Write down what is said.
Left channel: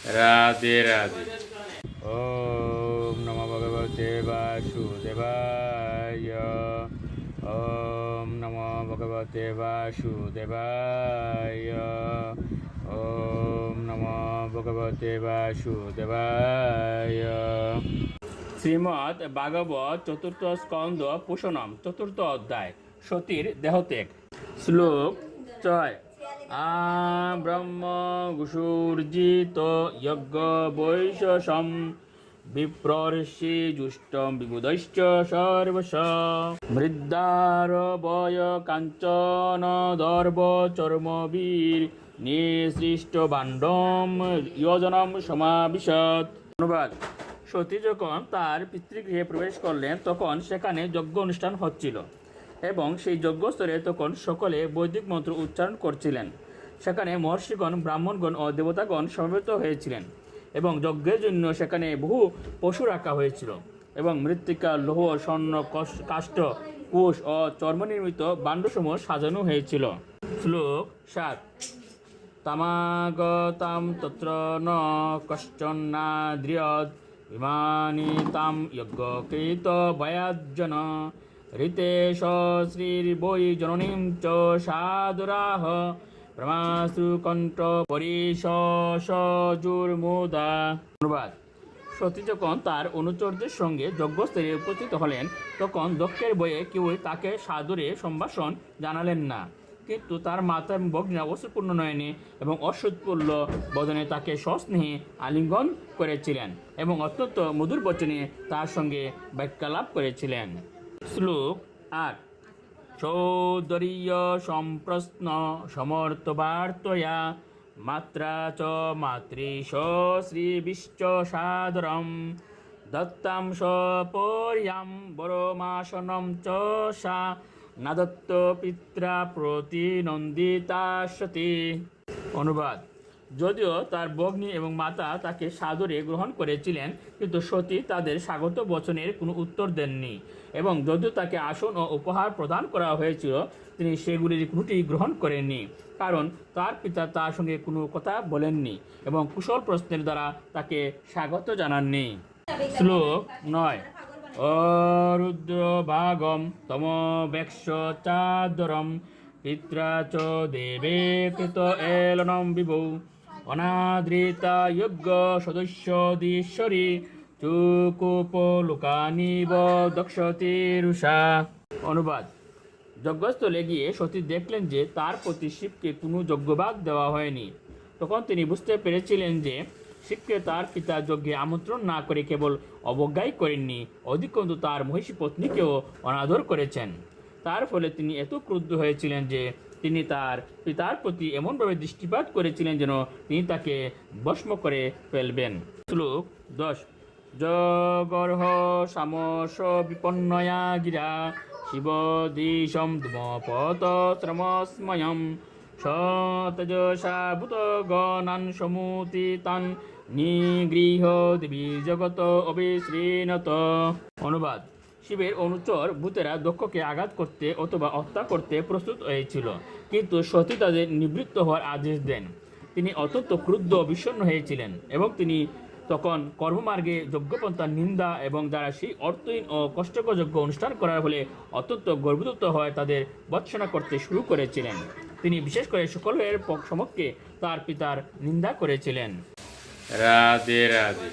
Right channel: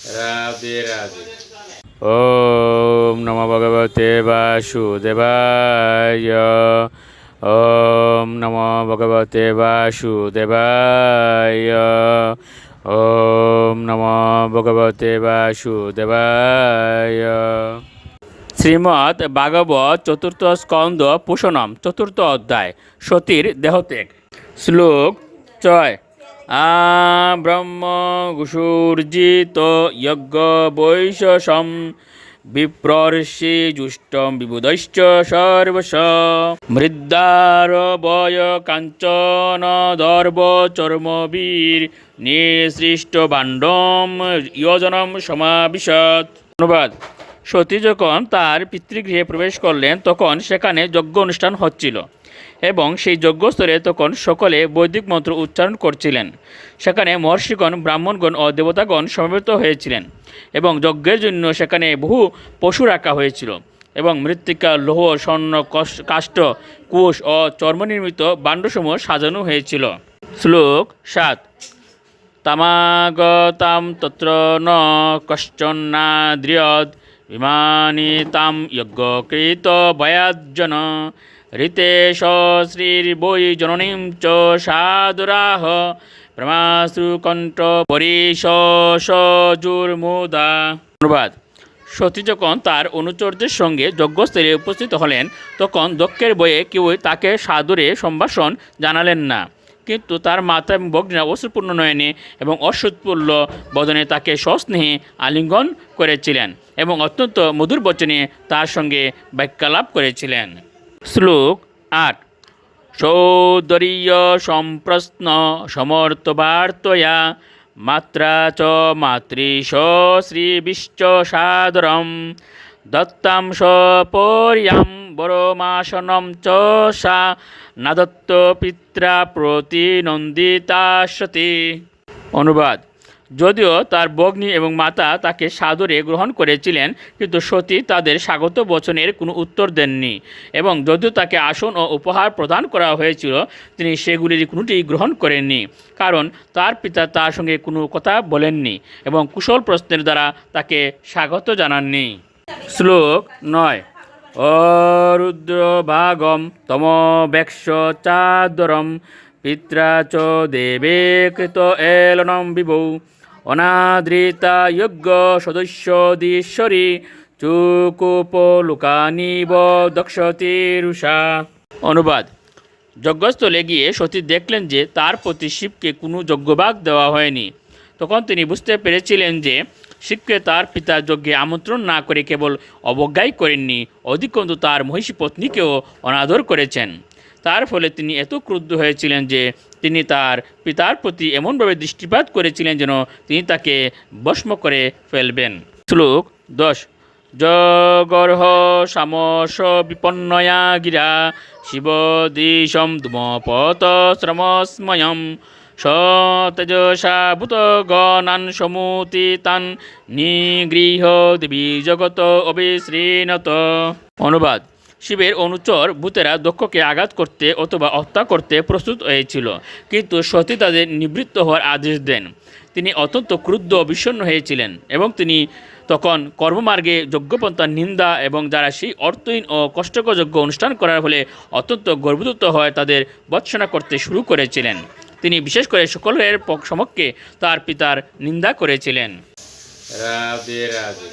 রাধে রাধে। ওম নমো ভগবতে বাসুদেবায়। ওম নমো ভগবতে বাসুদেবায়। ওম নমো ভগবতে বাসুদেবায়। শ্রীমদ্ ভাগবত চতুর্থ স্কন্দ পুষণম চতুর্থ অধ্যায় সতীর দেহত্যাগ। শ্লোক 6। ব্রহ্ম গুসুর্জিত যজ্ঞ বৈশসম বিপ্রর্ষি জুষ্টম বিবুধশ্চ সর্বশ মৃদ্দার বয় কাঞ্চন দর্ভ চর্মবীর নিঃসৃষ্ট ভাণ্ডম যোজনম সমাবিশত। অনুবাদ: সতী যখন তার পিতৃগৃহে প্রবেশ করলেন তখন সেখানে যজ্ঞ অনুষ্ঠান হচ্ছিল এবং সেই যজ্ঞস্থলে তখন সকলে বৈদিক মন্ত্র উচ্চারণ করছিলেন। সেখানে মহর্ষিগণ, ব্রাহ্মণগণ ও দেবতাগণ সমবেত হয়েছিলেন এবং যজ্ঞের জন্য সেখানে বহু পশু রাখা হয়েছিল এবং মৃত্তিকা, লৌহ, স্বর্ণ, কাষ্ঠ, কুশ ও চর্মনির্মিত ভাণ্ডসমূহ সাজানো হয়েছিল। শ্লোক 7। তামাগতাম তত্র ন কশ্চন্নাদ্রিয়দ ইমানি তাম যজ্ঞকৃত ভয়াজ্জন ঋতেশ শ্রীর্বৈ জননীম চ সাদরাহ ব্রহ্মাসু কণ্ঠ পরিশজুর্মুদা। অনুবাদ: সতী যখন তার অনুচরদের সঙ্গে যজ্ঞস্থলে উপস্থিত হলেন তখন দক্ষের বয়ে কেউই তাকে সাদরে সম্ভাষণ জানালেন না, কিন্তু তার মাতা এবং ভগ্নীরা অশ্রুপূর্ণ নয়নে এবং অশ্রুৎফুল্ল বদনে তাকে সস্নেহে আলিঙ্গন করেছিলেন এবং অত্যন্ত মধুর বচনে তার সঙ্গে বাক্যালাপ করেছিলেন। শ্লোক 8। সৌন্দর্য সম্প্রশ্ন সমর্থবার্তয়া মাত্রা চ মাতৃশ শ্রীবিশ্চ সাদরম দত্তাম সপর্যাম বরমাসনম চ সা নাদত্ত পিত্রা প্রতিনন্দিতা সতী। অনুবাদ: যদিও তার ভগ্নী এবং মাতা তাকে সাদরে গ্রহণ করেছিলেন, কিন্তু সতী তাদের স্বাগত বচনের কোনো উত্তর দেননি এবং যদিও তাকে আসন ও উপহার প্রদান করা হয়েছিল তিনি সেগুলির কোনোটি গ্রহণ করেননি, কারণ তার পিতা তার সঙ্গে কোনো কথা বলেননি এবং কুশল প্রশ্নের দ্বারা তাকে স্বাগত জানাননি। শ্লোক 9। অরুদ্রভাগম তমবেক্ষ চাদরম পিত্রা চ দেবে কৃত এলনম বিভৌ অনাদৃতা যজ্ঞ সদস্যদীশ্বরী চুকুপলোকানিব দক্ষতিরুষা। অনুবাদ: যজ্ঞস্থলে গিয়ে সতী দেখলেন যে তার প্রতি শিবকে কোনো যজ্ঞভাগ দেওয়া হয়নি। তখন তিনি বুঝতে পেরেছিলেন যে শিবকে তার পিতা যজ্ঞে আমন্ত্রণ না করে কেবল অবজ্ঞাই করেননি, অধিকন্তু তার মহিষী পত্নীকেও অনাদর করেছেন। তার ফলে তিনি এত ক্রুদ্ধ হয়েছিলেন যে তিনি তার পিতার প্রতি এমনভাবে দৃষ্টিপাত করেছিলেন যেন তিনি তাকে ভস্ম করে ফেলবেন। শ্লোক 10। জগর্হ সামস বিপন্নয়া গিরা শিবদিশম ধূমপত শ্রমস্ময়ম সতেজসা ভূত গণান সমুতি তান নিগৃহ দেবী জগত অবিশ্রীণত। অনুবাদ: শিবের অনুচর ভূতেরা দক্ষকে আঘাত করতে অথবা হত্যা করতে প্রস্তুত হয়েছিল, কিন্তু সতী তাদের নিবৃত্ত হওয়ার আদেশ দেন। তিনি অত্যন্ত ক্রুদ্ধ ও বিষণ্ণ হয়েছিলেন এবং তিনি তখন কর্মমার্গে যজ্ঞপন্থার নিন্দা এবং যারা সেই অর্থহীন ও কষ্টকর যজ্ঞ অনুষ্ঠান করার ফলে অত্যন্ত গর্ভযুক্ত হয় তাদের ভৎসনা করতে শুরু করেছিলেন। তিনি বিশেষ করে সকলের সমক্ষে তার পিতার নিন্দা করেছিলেন। রাধে রাধে।